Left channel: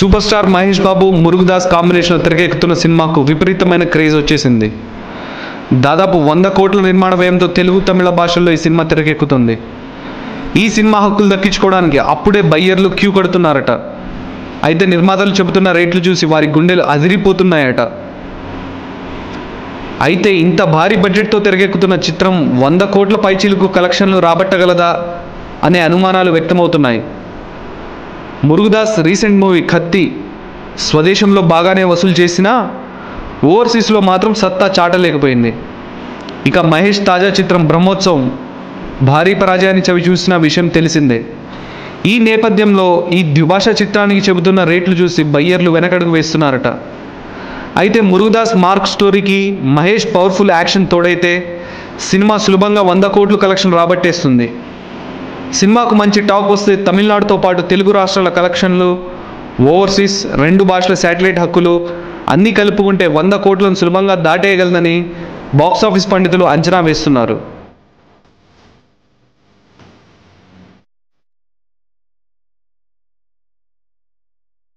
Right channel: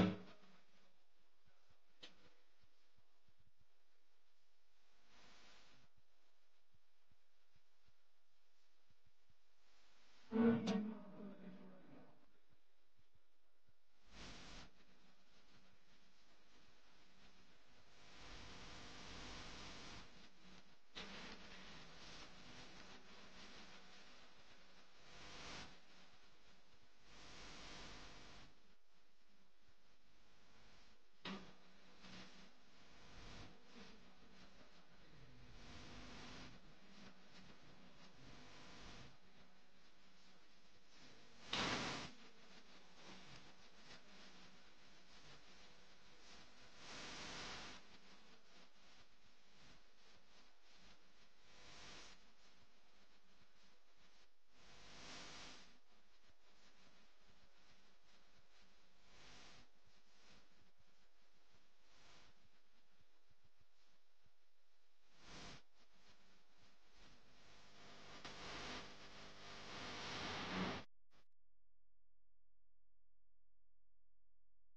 Super star Mahesh Babu Murugadoss కాంబినేషన్లో తెరకెక్కుతున్న సినిమాకు విపరీతమైన క్రేజ్ వచ్చేసింది. దాదాపు 100 కోట్ల నిర్మాణ వ్యయంతో తెలుగు, తమిళ భాషల్లో ఈ సినిమా తెరకెక్కుతుంది. ఈ సినిమా హక్కులు దక్కించుకోవడానికి అప్పుడే బయ్యర్లు క్యూ కడుతున్నారట. అయితే నిర్మాతలు చెబుతున్న రేట్లు చూసి వారి గుండెలు అదిరిపోతున్నాయట. అయితే ఇంత భారీ బడ్జెట్తో తెరకెక్కుతున్న చిత్రం 100 కోట్ల పైచీలకు కలెక్షన్లు రాబట్టగలదా అనే అనుమానాలు వ్యక్తమవుతున్నాయి. మురుగదాస్ రీసెంట్ మూవీ కత్తి స్వదేశంలో బాగానే వసూలు చేసినా ఓవర్సీస్లో మాత్రం సత్తా చాటలేకపోయింది. ఇక మహేష్ తాజా చిత్రం బ్రహ్మోత్సవం భారీ పరాజయాన్ని చవి చూసిన విషయం తెలిసిందే. ఈ నేపథ్యంలో ఈ ద్విభాషా చిత్రానికి చెబుతున్న రేట్లు చూసి బయ్యర్లు వెనకడుగు వేస్తున్నారట. అయితే మురుగదాస్ మార్క్ స్టోరీకి మహేష్ పవర్ఫుల్ యాక్షన్ తోడైతే సినిమా సులభంగా 100 కోట్లు కలెక్షన్ రాబట్టేస్తుంది. సినిమాకు మంచి టాక్ వస్తే తమిళనాడుతో పాటు తెలుగు రాష్ట్రాల కలెక్షన్లు, ఓవర్సీస్ 2 భాషల శాటిలైట్ హక్కులు అన్నీ కలుపుకుంటే 100 కోట్లను సులభంగా దాటేయగలదని బాక్సాఫీస్ పండితులు అంచనా వేస్తున్నారు.